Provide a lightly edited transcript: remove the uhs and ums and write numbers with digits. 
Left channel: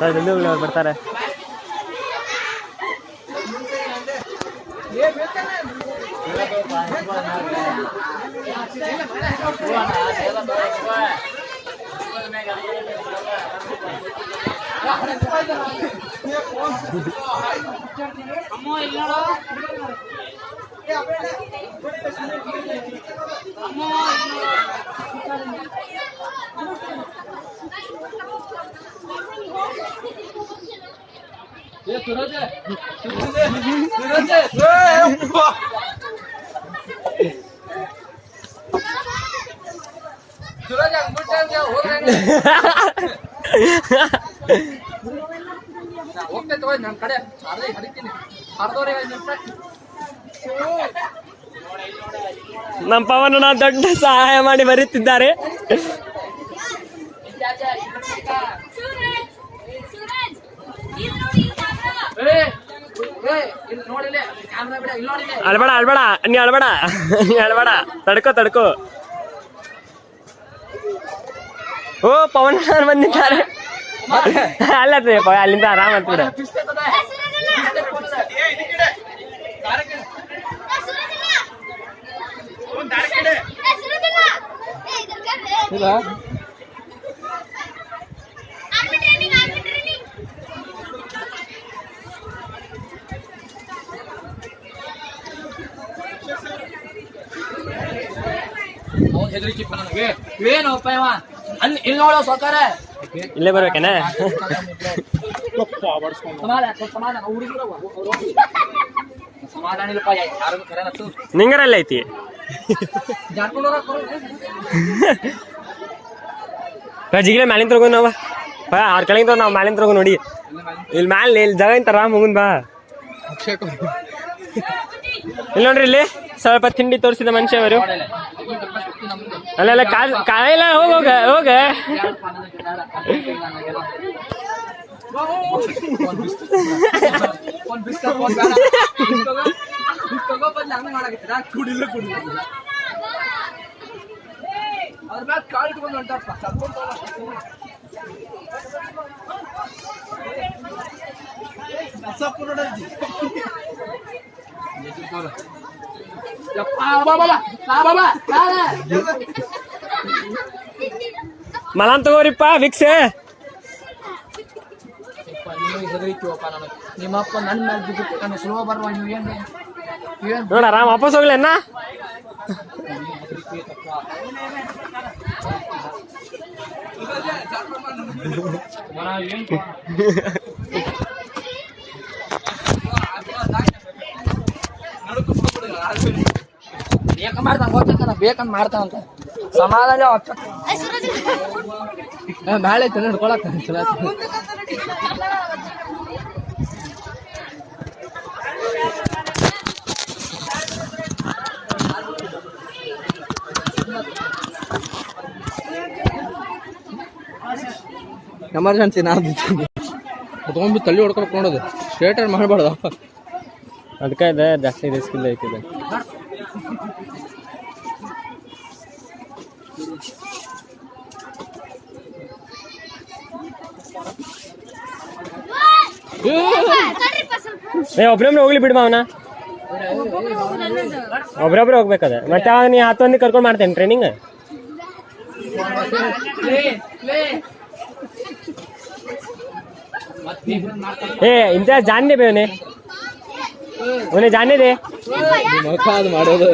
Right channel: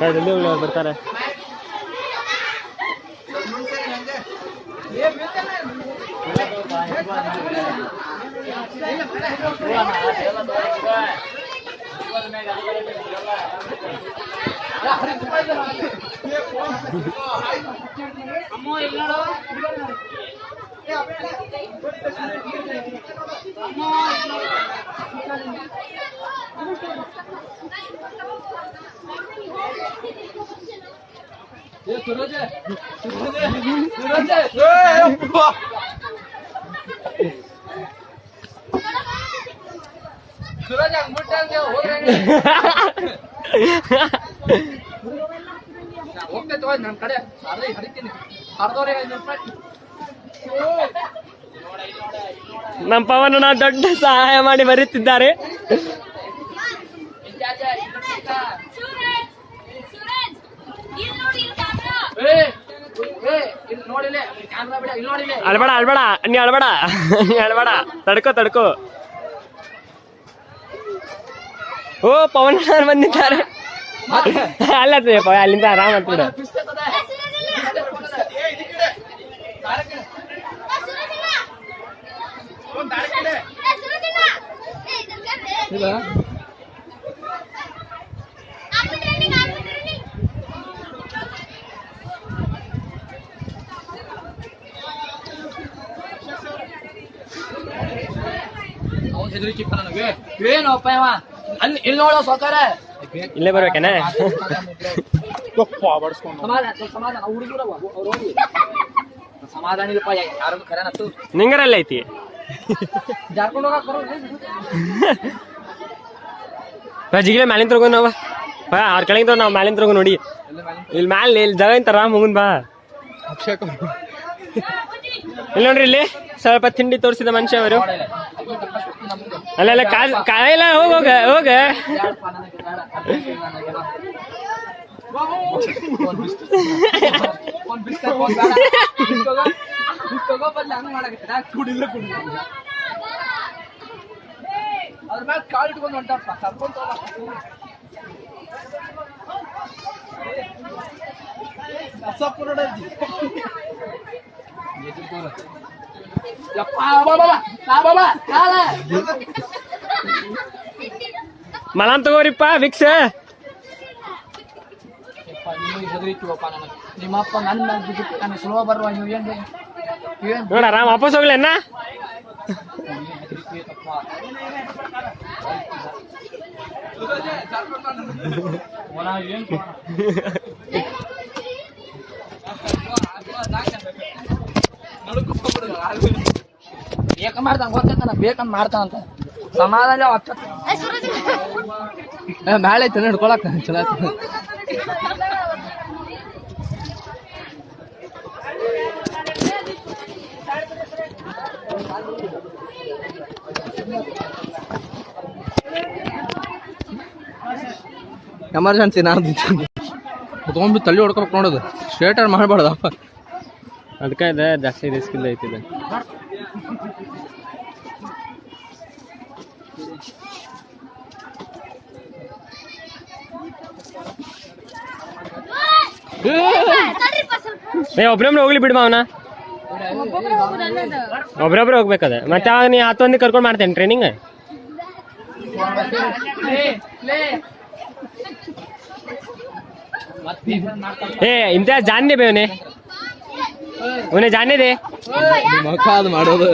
ಜಲ್ದಿ ಹೋಗ್ಲಿ ಅವ್ರು ಬರ್ತಾರೆ. ಹೋಗ್ತೈತೆ ನಮ್ ಕಡೆ ಹರಿತೀನಿ ಹರಿದವ್ರೆ ನಮ್ಮ ಪವನ ದೊಡ್ಡ ಸಹಾಯ ಮಾಡಿ ಬರೀತಿದ್ದಾರೆ. ಅಳ್ಬೇಡ ಅಳ್ಬೇಡ ನೀ ಅಳ್ಬೇಡ ಅಳ್ಬೇಡ ತಡ್ಕೋ. ಓ ಪವನ್ ಬಂದಿದ್ದಾರೆ. ಅಲ್ಲ ಅಲ್ಲಿಂದ ಆರಾಮ್ ಆಗ್ತದೆ. ಹೆದರಿಕೆ ನನಗೆ ಏನಪ್ಪ ಇಲ್ಲಿ ನೋಡೋ ಸೌಕರ್ಯ ಇಲ್ಲೇ ಬರ್ಬೇಕೇನೆ. ಸಮಾಧಾನ ಇಲ್ಲಪ್ಪ ಯಾರು ಖರೇನತ್ತು ನಿಂಗರಲ್ಲ ಐತಿ ಜಾರ್ಕೊಂಡು ಜಿಗಿಲೆ ಮ್ಯಾಲಿನ ತರ್ಗೋ ನಾವ ಅವ್ರ ಕೆಳಗಿಂದ ನಾವು ಮ್ಯಾಲಿನ ತರ್ಗೋ ನೋಡಿ. ಇಲ್ಲಿ ಮ್ಯಾಲೆ ಇಲ್ಲಿ ಜಾಗ ಇಂತಾರ ಮುಗುನ್ ಬಾ. ಇಲ್ಲಿ ನೋಡ್ರಿ ಇಲ್ಲಿ ಸ್ವಲ್ಪ ತಿಂಡಿ ತೋರಿಸಿದ ಮನುಷ್ಯ ಅವರು. ಅಲ್ಲ ಕಾಯಿಲ್ಲ ಹೋಗ ಅವ್ರ ಮ್ಯಾಲ ಕಾಲ್ ಇಟ್ಕೊಂಡು ಹೊಂಟಾರಪ್ಪ ಕರ್ಕೊಂಡ್ ಮಲಾನ್ ತಗೋರಿಪ್ಪ ವಿಕ್ಸ್. ಹೆದರಿತೀವಪ್ಪ ನನಗೆ ನಿಮ್ಮಪ್ಪ ನನ್ನ ಮೇಲೆ ಬಿದ್ದು ನನಗೆ ಸುಲಭ ಬರುವ ನೀವು ಏನ್ರಿ ನೋಡ ರಾಮ್ ವಾಪಸ್ ಹೋಗ್ಲಿ ಅಣ್ಣ. ಬೇಕಂತ ಮಾಡ್ತಾನಂತ ಸಮಾಧಾನ ನಾಳೆ ಐತೆ ಹಿಡ್ಕೊಳಕ ಚಲೋ. ಎಮರ್ಜೆನ್ಸಿ ನಾನು ತೊಗೊಂಡ್ಬಿಟ್ಟು ತಲೆ ಹೊಡ್ಕೊಬೇಕು ನೋಡೋದು ಸ್ಟ್ರೇಟ್ ಮಾಡಬಾರ್ದು. ಅದಕ್ಕೆ ಇದೆ ಜಾಸ್ತಿ ರಿಸ್ಕ್ ಇಲ್ಲ ಐತಿದೆ. ಒಬ್ರೊಬ್ರೆ ಹೋಗ್ಲಿ ಬಿಡ್ಬಾ ಅವನ ಒಬ್ರೊಬ್ರೆ ಹೋಗ್ಬೇಕದ. ಮತ್ತೆ ನೀ ಹತ್ತೊಂದಿ ಕರ್ಕೊಂಡು ಮಾಡ್ತೇನೆ ಟ್ರೈನಿಂಗ್. इम्तियाज जानने पे उन्हें जानने दे ಮಾಡೋದು